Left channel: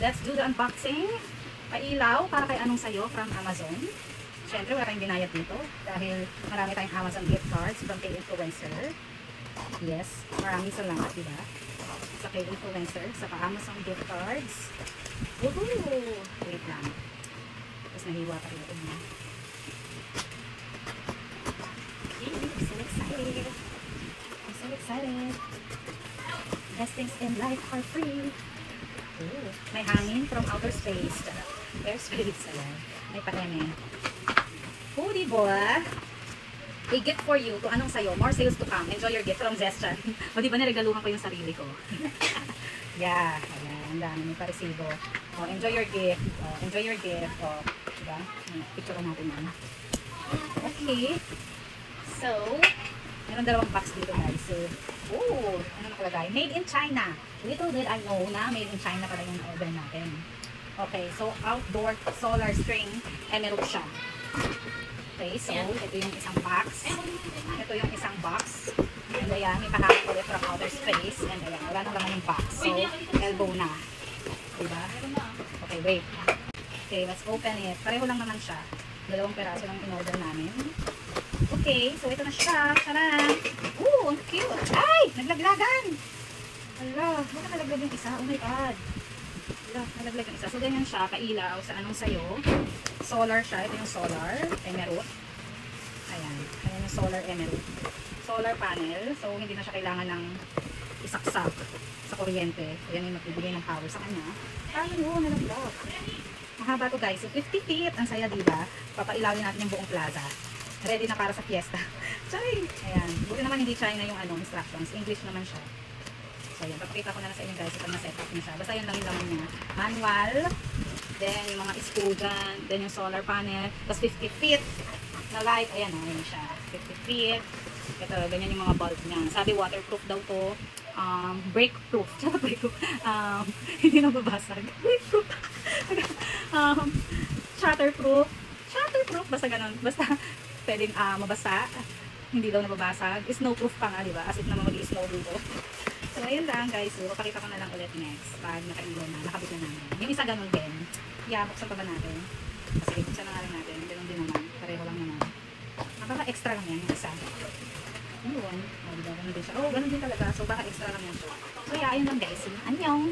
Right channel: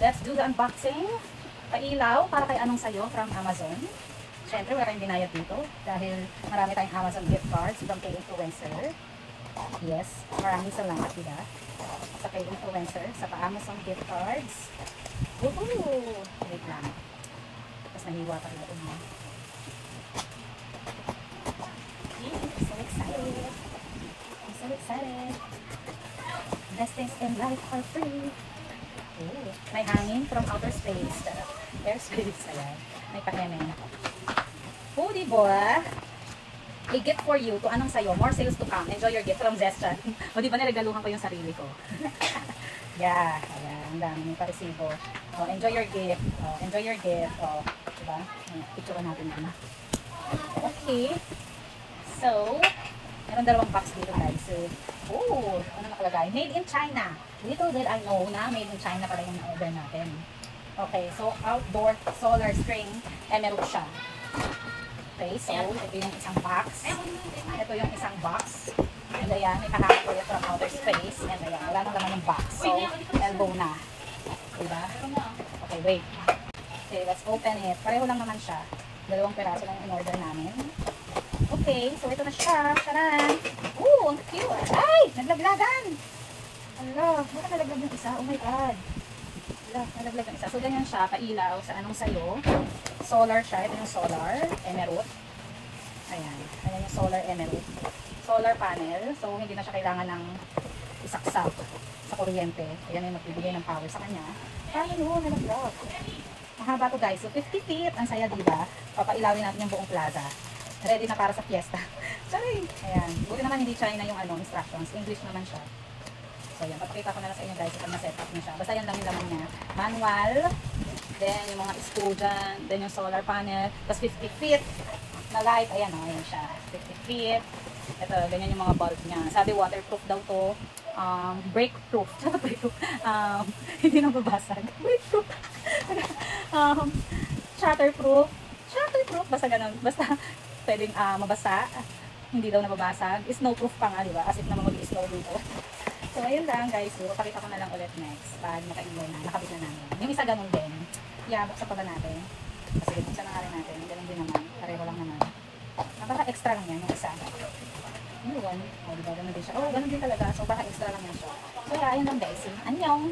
let's do the unboxing. Pailaw para kay anong sayo from Amazon. Siyempre, wala tayong binayad dito dahil marami tayong Amazon gift cards from kay influencer. Yes, maraming salamat, diba? Sa kay influencer, sa pa-Amazon gift cards. Woohoo! Wait lang. Tapos nahiwa pa rin ito mo. I'm so excited. I'm so excited. Best things in life for free. Ooh, may hangin from outer space. Airspace. Ayan. May pa-eme. Oh, diba? A gift for you. To anong sayo? More sales to come. Enjoy your gift from Zeschan. O diba niregaluhan ko yung sarili ko? Yeah. Ayan. Ang dami yung paresibo. Oh, enjoy your gift. Oh, enjoy your gift. Oh, diba? Picture natin yan. Okay. So, meron dalawang box dito guys. So, oh, ano nakalagay? Made in China. Little did I know na made in China pala yung order natin. Okay, so outdoor solar string emerald siya. Okay, so ito yung isang box. Ito yung isang box. And ayan, may kahapon ko from outer space. And ayan, wala na naman yung box. So, elbow na. Diba? Okay, wait. Okay, let's open it. Pareho lang naman siya. Dalawang peraso lang in order namin. Okay, so ito na siya. Taran! Ooh, ang cute! Ay! Naglaglagan! Ala, baka nalaglag yung isa. Oh my God! Ala, nalaglag yung isa. So, ganyan siya. Kailaw sa anong sayo. Solar siya. Ito yung solar. Emerald. Ayan. Ayan yung solar emerald. Solar panel. So, hindi na siya kailangan ng isaksak sa kuryente. Ayan yung magbibigay ng power sa kanya. Ayun mo, nalaglag. Mahaba to guys. So, 50 feet. Ang saya, diba? Papailawin natin yung buong plaza. Ready na para sa fiesta. Sorry. Ayan. Buti naman hindi China yung instructions. English naman siya. So, ayan. Papakita ko na sa inyo guys kung na-set up niya siya. Basta yun lang yung laman niya. Manual. Then, yung mga screw dyan. Then, yung solar panel. Tapos, 50 feet na light. Ayan, ayan siya. 50 feet. Ito, ganyan yung mga bulb niya. Sabi, waterproof daw to. Breakproof. Breakproof. Hindi na babasag. Breakproof. Shatterproof. Shatterproof. Basta ganun. Basta, pwedeng mabasa. Hindi daw nababasag. Snowproof pa nga, diba? As if naman mag-i-snow dito. So, ayun lang guys. So, papakita ko na lang ulit next. Pag naka-indoor na, nakabit na namin. Yung isa ganun din. Yeah, buksan pa ba natin? Kasi buksan na nga rin natin. Ganun din naman. Pareho lang naman. Baka-extra lang yan yung isa. Ano one? O, diba? Ganun din siya. Oh, ganun din talaga. So, baka extra lang yan siya. So, yeah, ayun lang guys. Annyeong!